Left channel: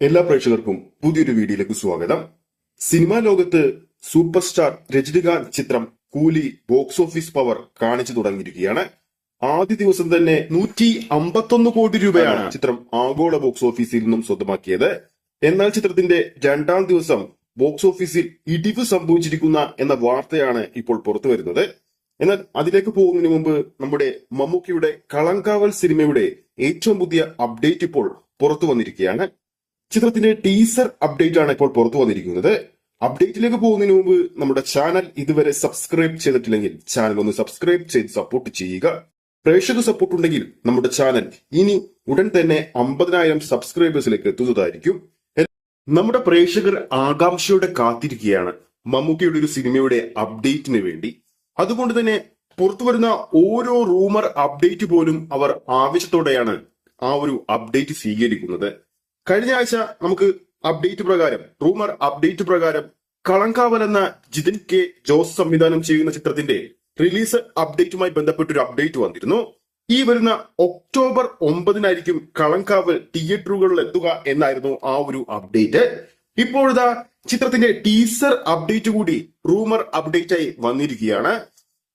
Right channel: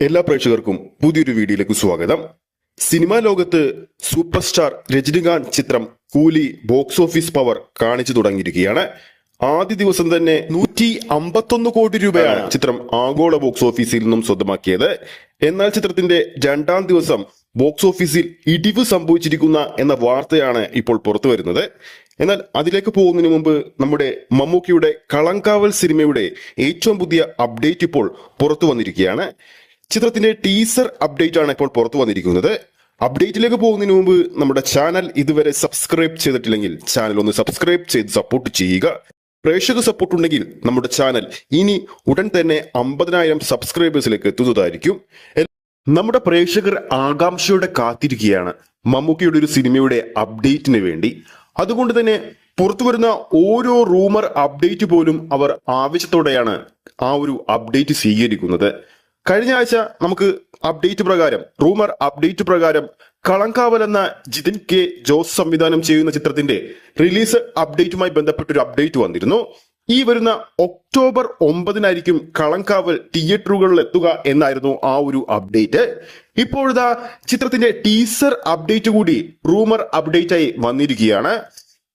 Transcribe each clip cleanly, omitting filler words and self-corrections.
എല്ലാ പ്രേക്ഷകർക്കും പുതിയൊരു വീഡിയോയിലേക്ക് സ്വാഗതം. സിനിമാ ലോകത്ത് സൂപ്പർ സ്റ്റാർ രജനികാന്ത് ചിത്രം കൂലി ബോക്സ് ഓഫീസ് പവർ കാണിച്ചു തുടങ്ങിയിരിക്കുകയാണ്. ആദ്യ ദിവസം തന്നെ 151 കോടി രൂപയാണ് ചിത്രം ആഗോള ബോക്സ് ഓഫീസിൽ നിന്നും സ്വന്തമാക്കിയത്. എന്നാൽ ചിത്രത്തിന്റെ രണ്ടാം ദിവസം ബോക്സ് ഓഫീസിൽ ഇടിവ് സംഭവിച്ചിരിക്കുന്ന എന്ന വാർത്തയാണ് ഇപ്പോൾ പുറത്തു വരുന്നത്. എന്നാൽ അതിലേക്ക് പോകുന്നതിന് മുമ്പ് നമ്മുടെ മമ്മൂക്കിയുടെ കളങ്കാവൽ സിനിമയുടെ ഏറ്റവും പുതിയ അപ്ഡേറ്റ് ഇപ്പോൾ പുറത്തു വന്നിരിക്കുകയാണ്. ചിത്രത്തിന്റെ ടീസർ അപ്ഡേറ്റ് ആണ് ഇപ്പോൾ പുറത്തു വന്നിരിക്കുന്നത്. അപ്ഡേറ്റിലേക്ക് പോകുന്നതിന് മുമ്പ് നമ്മുടെ ചാനൽ ഇതുവരെ സബ്സ്ക്രൈബ് ചെയ്തിട്ടില്ലെങ്കിൽ ചാനൽ ഒന്ന് സബ്സ്ക്രൈബ് ചെയ്ത് സപ്പോർട്ട് ചെയ്യുക. പ്രേക്ഷക സപ്പോർട്ട് ഉണ്ടെങ്കിൽ നമ്മുടെ ചാനൽ ഇനി ഉടൻ തന്നെ 50,000 സബ്സ്ക്രൈബേഴ്സിലേക്ക് എത്തുന്നതായിരിക്കും. നമ്മുടെ പ്രേക്ഷകർ ആകാംക്ഷയോടെ കാത്തിരിക്കുകയാണ് മമ്മൂക്കിയുടെ ഒരു സിനിമയുടെ അപ്ഡേറ്റിന് വേണ്ടി. അതുകൊണ്ട് തന്നെ പുറത്തു വരുന്ന ഓരോ റൂമർ അപ്ഡേറ്റ് പോലും അവർ ആവശ്യത്തോടെയാണ് ആ ഒരു അപ്ഡേറ്റ് സ്വീകരിക്കുന്നത്. കഴിഞ്ഞ ആഴ്ച നമുക്ക് റൂമർ അപ്ഡേറ്റ് പ്രകാരം കളങ്കാവൽ എന്ന ജിതിൻ കെ ജോസ് സംവിധാനം ചെയ്യുന്ന ചിത്രത്തിന്റെ റിലീസ് അപ്ഡേറ്റുമായി ബന്ധപ്പെട്ടൊരു അപ്ഡേറ്റ് വന്നിരുന്നു. ഈ വരുന്ന ഒക്ടോബർ 9 കളങ്കാവൽ തിയേറ്ററുകളിൽ എത്തുക എന്നായിരുന്നു ആ ഒരു അപ്ഡേറ്റ്. ഇപ്പോഴത്തെ ചിത്രത്തിന്റെ ടീസർ അപ്ഡേറ്റ് കൂടി റൂമർ അപ്ഡേറ്റ് ആയി വന്നിരിക്കുകയാണ്.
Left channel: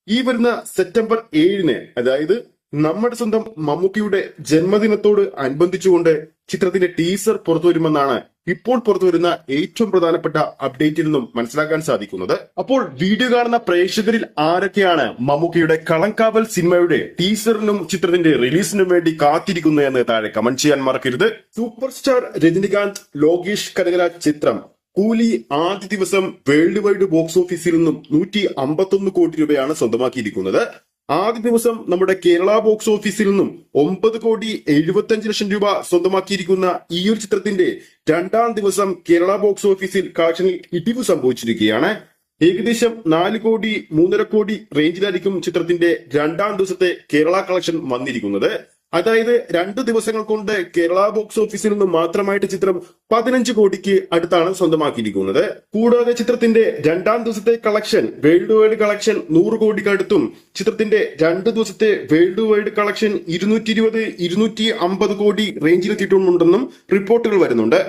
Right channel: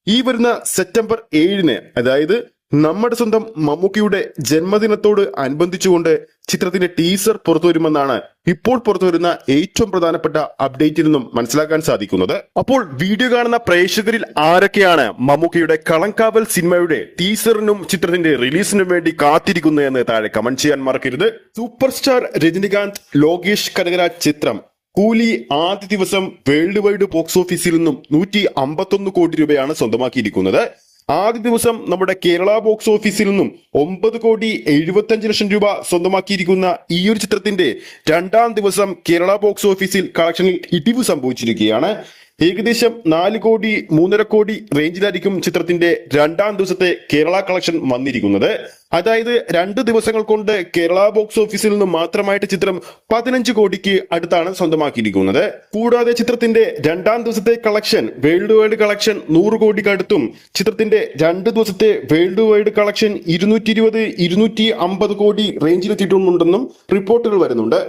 ഈ വരുന്ന സെപ്റ്റംബർ 7 അതായത് നമ്മുടെ സ്വന്തം മമ്മൂക്കിയുടെ ജന്മദിനത്തോട് അനുബന്ധിച്ചുകൊണ്ട് ചിത്രത്തിന്റെ ടീസർ പുറത്തുവരുമെന്നാണ് ഇപ്പോൾ പുറത്തുവരുന്ന ഏറ്റവും പ്രധാനപ്പെട്ട അപ്ഡേറ്റിൽ നിന്നും മനസ്സിലാക്കാൻ സാധിക്കുന്നത്. അപ്പോൾ വീഡിയോ കാണുന്ന പ്രേക്ഷകരിൽ ആരൊക്കെയാണ് മമ്മൂക്കിയുടെ കളങ്കാവൽ സിനിമയുടെ ടീസറിനും ചിത്രത്തിന്റെ റിലീസിനും വേണ്ടി കാത്തിരിക്കുന്നത് എന്ന് താഴെ കമന്റ് ചെയ്യാൻ മറക്കരുത്. സൂപ്പർ സ്റ്റാർ രജനികാന്ത് ലോകേഷ് കനകരാജ് ചിത്രം കൂലി ആദ്യ ദിവസം വേൾഡ് വൈഡ് ബോക്സ് ഓഫീസിൽ നിന്നും 151 കോടി രൂപയാണ് സ്വന്തമാക്കിയിരിക്കുന്നത്. ആദ്യ ദിവസം നമ്മുടെ കേരള ബോക്സ് ഓഫീസിൽ നിന്നും 9,75,00,000 രൂപ സ്വന്തമാക്കിയിരിക്കുന്ന ഈ ഒരു ചിത്രത്തിന്റെ രണ്ടാം ദിവസം കേരള ബോക്സ് ഓഫീസിൽ കളക്ഷനിൽ ഇടിവ് സംഭവിച്ചിരിക്കുകയാണ്. ഏകദേശം 4,3,50,00,000 കോടി റേഞ്ചിലായിരിക്കും ചിത്രത്തിന്റെ രണ്ടാം ദിവസത്തെ കേരള കളക്ഷൻ വന്നിരിക്കുന്നത്. അതായത് 2 ദിവസങ്ങൾ കൊണ്ട് കേരള ബോക്സ് ഓഫീസിൽ നിന്നും മാത്രമായിട്ട് ചിത്രം 15 കോടിക്ക് അടുത്താണ് സ്വന്തമാക്കിയിരിക്കുന്നത്. കൂടാതെ ചിത്രത്തിന്റെ രണ്ടാം ദിവസത്തെ കളക്ഷൻ വേൾഡ് വൈഡ് കളക്ഷൻ 100 കോടിക്ക് അടുത്തും ചിത്രത്തിന്റെ 2 ദിവസത്തെ വേൾഡ് വൈഡ് കളക്ഷൻ 220-250 കോടി റേഞ്ചിലെത്തിയിട്ടുണ്ടെന്നും റിപ്പോർട്ടുകൾ വരുന്നുണ്ട്.